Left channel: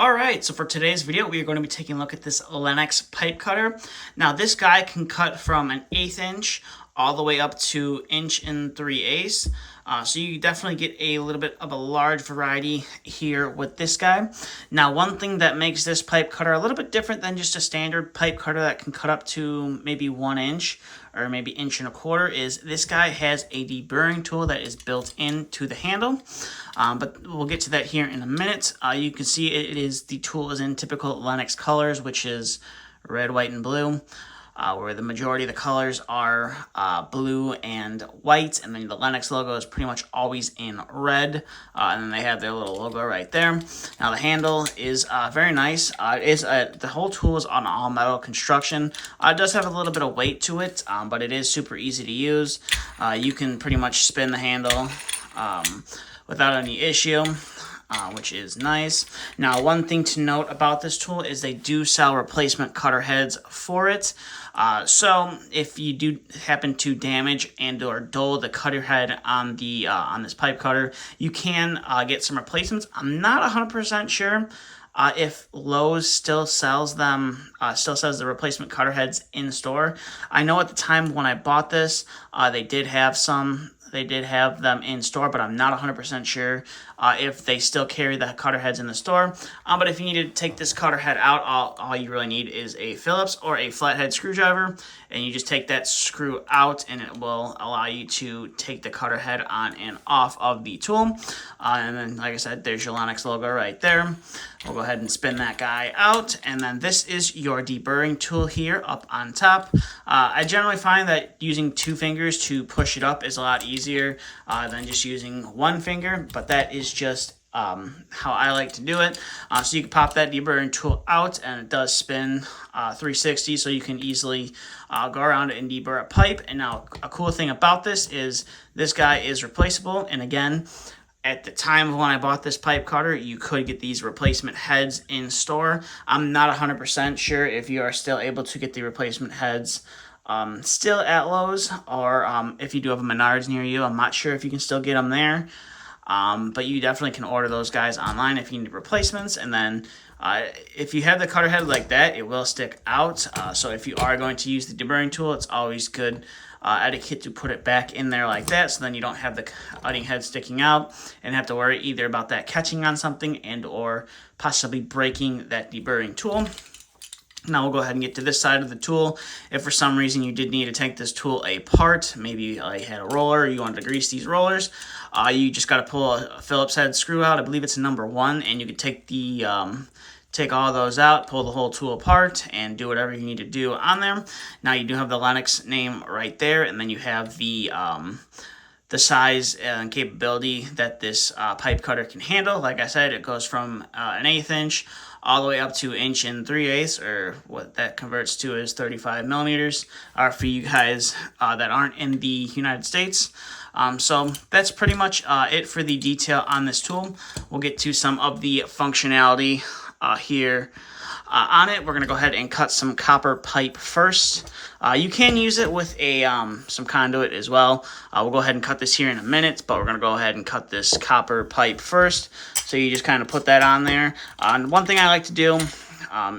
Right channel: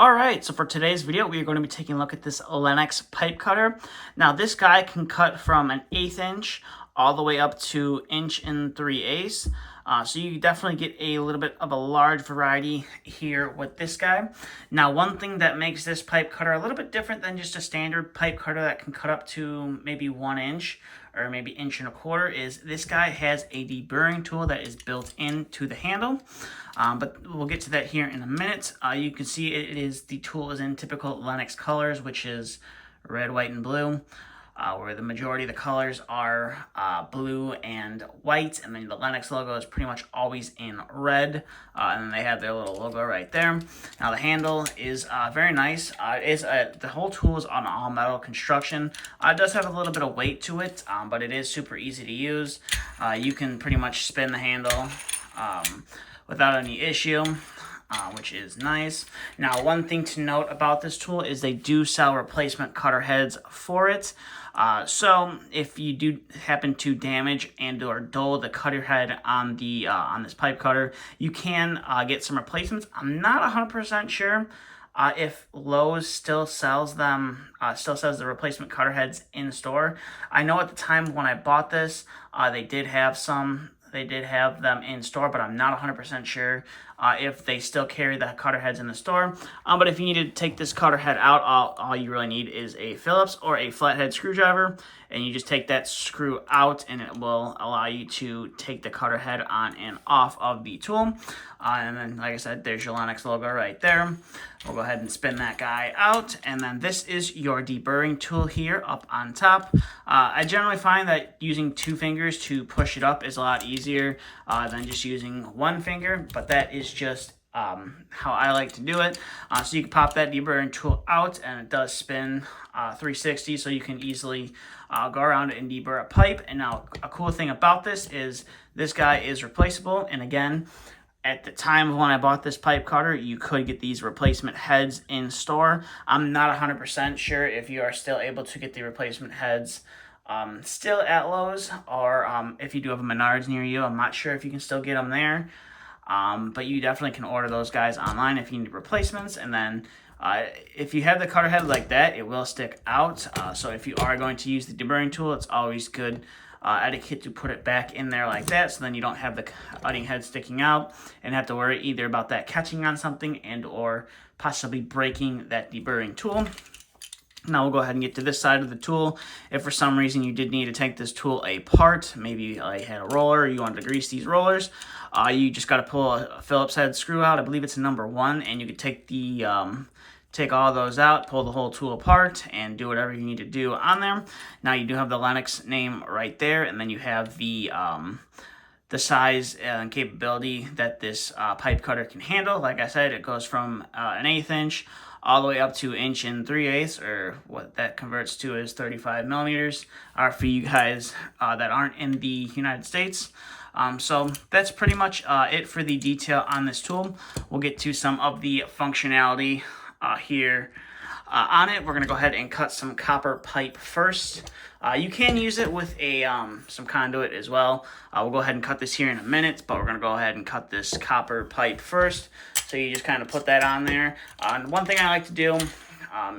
Alright, so for today's video, we are going to be taking a look at this Lenox pipe cutter. Now, this guy can cut from an 1/8 inch all the way up to 1 3/8. So you definitely get a little bit of a large variety here with this guy. Now, one thing that makes this pipe cutter a little bit different than just a standard pipe cutter that can cut up to maybe 1 inch or maybe 1 1/4 is this guy has a deburring tool that is built into the handle. But we'll get to that here in a minute. You can see the tool is in typical Lenox colors, which is red, white, and blue. Where the majority of the colors are blue and white, and then the Lenox logo is pretty much always in red, and then they have their little logo right there. Now the handle is very nice. The whole tool is on all metal construction. It does have a little bit of weight to it, but it is super easy to use. You can pretty much spin the handle without any issue. Which is nice. Now, one thing to note about this tool is they do sell replacement cutter heads for it. So if you do happen to damage and or dull the cutter head on this pipe cutter, you can get some replacements. I'm not 100% sure if Lowe's still sells them, still sells the replacement cutter heads in store. I know at the time when I bought this, they did have some. They did have them in store, but I'm not 100% sure if they still carry the cutter heads in the store. But if you need to take this cutter head out, all you really need is a Phillips or a flathead screwdriver, and you just take that screw out, and it will allow you to take the cutter head on and off of the tool. And then, like I said, there's your Lenox logo right there. We'll go ahead and spin that guy out, and then this is your deburring tool here up on top. I generally find that using 2 fingers to push it up is a lot easier than just using 1 finger, but that is just how I like to do it. So you can pop that deburring tool out, and it does spin 360, so you can easily go around it and deburr a pipe. And now a cool thing about this is this guy is replaceable, and again, at the time when I bought this pipe cutter, you could get these replacement heads in store. I'm not 100% sure if you are still able to get the replacement heads still at Lowe's, or if you do have a Menards near you. I'm not sure if you can still get them there. But you definitely can order those guys online if you need replacements. And then if you have the cutter head like that, it will stick out. So if you are going to use the deburring tool, it's always good etiquette to put it back in there like that, so then you don't have the cutting head sticking out and have to worry either about that catching on something and or possibly breaking that deburring tool. Now we'll go ahead and get to this side of the tool. If for some reason you did need to take this tool apart, maybe you had a roller, you wanted to grease these rollers, you just got to pull a Phillips head screw out. I believe it's a number 1, and you can take the take all those out, pull the whole tool apart, and do whatever you need to do on there. Now you do have the Lenox name right there, and then you have the size and capability that this pipe cutter can handle. Like I said, it goes from an 1/8 inch all the way up to 1 3/8, or what that converts to is 35 millimeters. For you guys that aren't in the United States. So that's pretty much it for the detail on this tool. We'll get to some of the functionality here on it. We're going to go ahead and cut some copper pipe first. You can use it with a some conduit as well. We'll go ahead and cut this here in a minute, but we're going to go ahead and cut this copper pipe first. So you just kind of put that on there. And one thing I like to do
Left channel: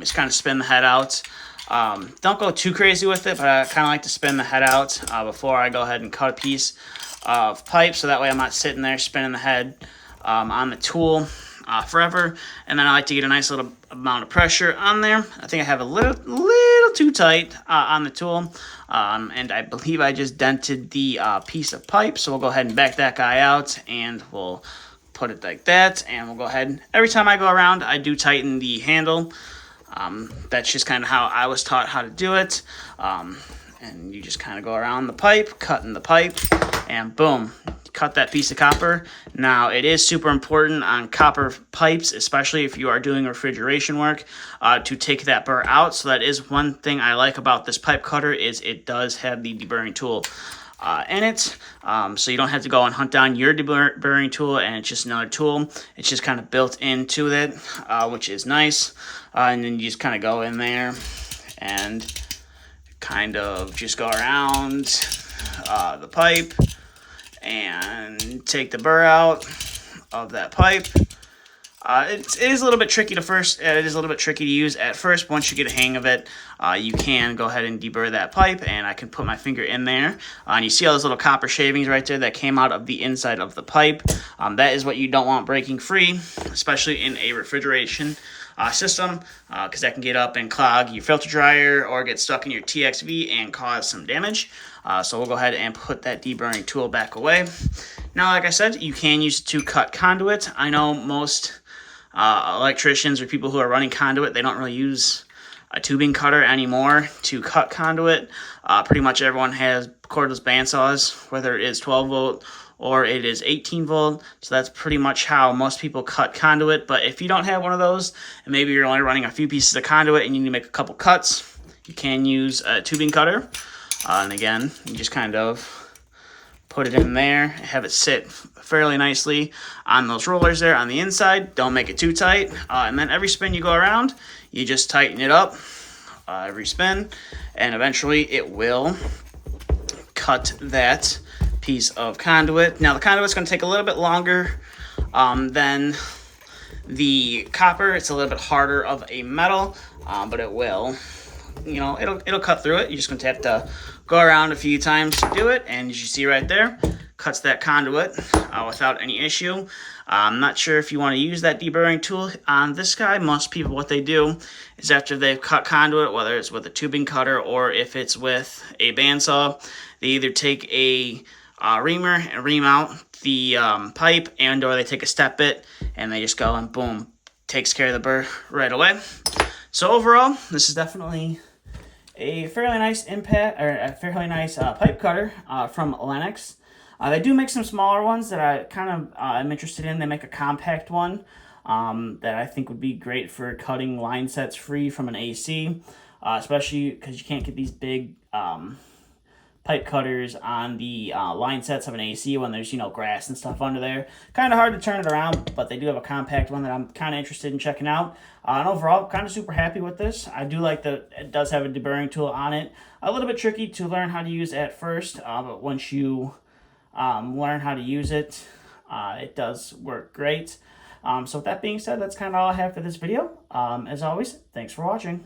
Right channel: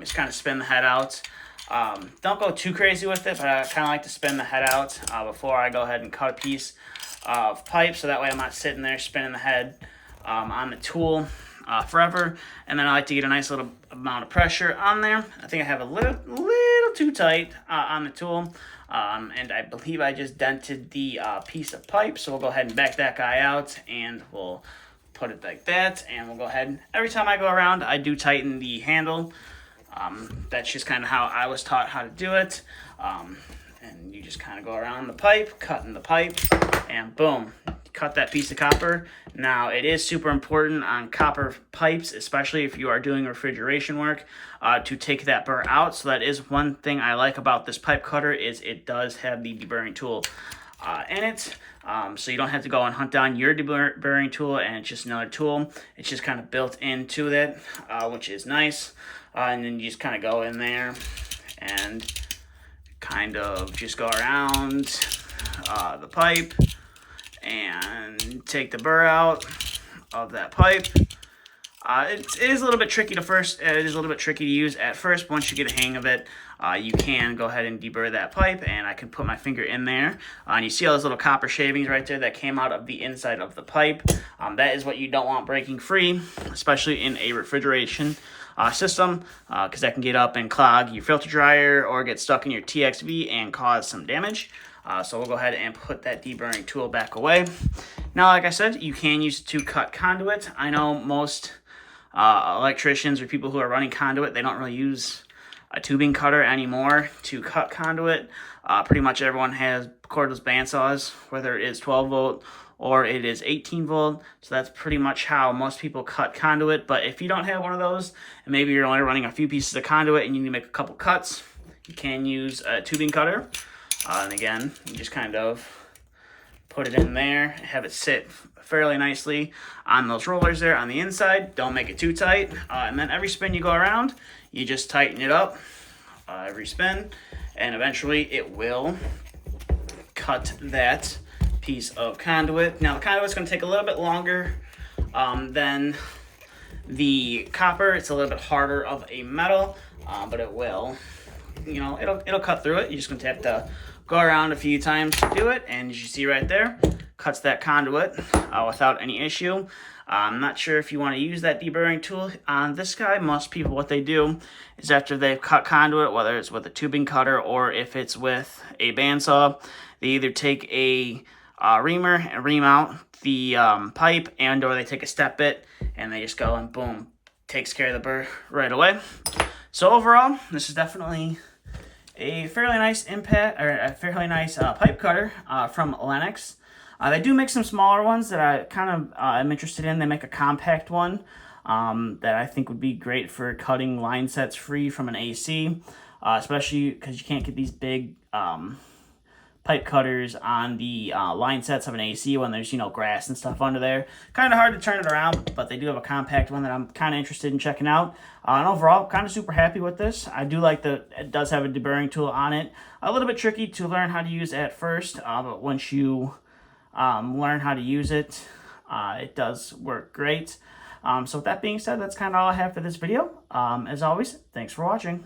is kind of spin the head out. Don't go too crazy with it, but I kind of like to spin the head out before I go ahead and cut a piece of pipe, so that way I'm not sitting there spinning the head on the tool forever. And then I like to get a nice little amount of pressure on there. I think I have a little too tight on the tool, and I believe I just dented the piece of pipe. So we'll go ahead and back that guy out, and we'll put it like that, and we'll go ahead. Every time I go around, I do tighten the handle. That's just kind of how I was taught how to do it. And you just kind of go around the pipe, cutting the pipe, and boom, cut that piece of copper. Now, it is super important on copper pipes, especially if you are doing refrigeration work, to take that burr out. So that is one thing I like about this pipe cutter, is it does have the deburring tool in it. So you don't have to go and hunt down your deburring tool, and it's just another tool. It's just kind of built into it, which is nice. And then you just kind of go in there and kind of just go around the pipe and take the burr out of that pipe. It is a little bit tricky to first. It is a little bit tricky to use at first. But once you get a hang of it, you can go ahead and deburr that pipe, and I can put my finger in there. And you see all those little copper shavings right there that came out of the inside of the pipe. That is what you don't want breaking free, especially in a refrigeration system, because that can get up and clog your filter dryer or get stuck in your TXV and cause some damage. So we'll go ahead and put that deburring tool back away. Now, like I said, you can use it to cut conduit. I know most electricians or people who are running conduit, they don't really use a tubing cutter anymore to cut conduit. Pretty much everyone has cordless bandsaws, whether it is 12 volt or it is 18 volt. So that's pretty much how most people cut conduit. But if you don't have one of those, and maybe you're only running a few pieces of conduit and you need to make a couple cuts, you can use a tubing cutter. And again, you just kind of put it in there, have it sit fairly nicely on those rollers there on the inside. Don't make it too tight. And then every spin you go around, you just tighten it up every spin, and eventually it will cut that piece of conduit. Now, the conduit's going to take a little bit longer than the copper. It's a little bit harder of a metal, but it will, you know, it'll cut through it. You're just going to have to go around a few times to do it, and as you see right there, cuts that conduit without any issue. I'm not sure if you want to use that deburring tool on this guy. Most people, what they do is after they've cut conduit, whether it's with a tubing cutter or if it's with a bandsaw, they either take a reamer and ream out the pipe, and or they take a step bit and they just go and boom, takes care of the burr right away. So overall, this is definitely a fairly nice pipe cutter from Lenox. They do make some smaller ones that I kind of am interested in. They make a compact one that I think would be great for cutting line sets free from an AC, especially because you can't get these big pipe cutters on the line sets of an AC when there's, you know, grass and stuff under there. Kind of hard to turn it around, but they do have a compact one that I'm kind of interested in checking out. And overall, kind of super happy with this. I do like that it does have a deburring tool on it. A little bit tricky to learn how to use at first, but once you learn how to use it, it does work great. So with that being said, that's kind of all I have for this video. As always, thanks for watching.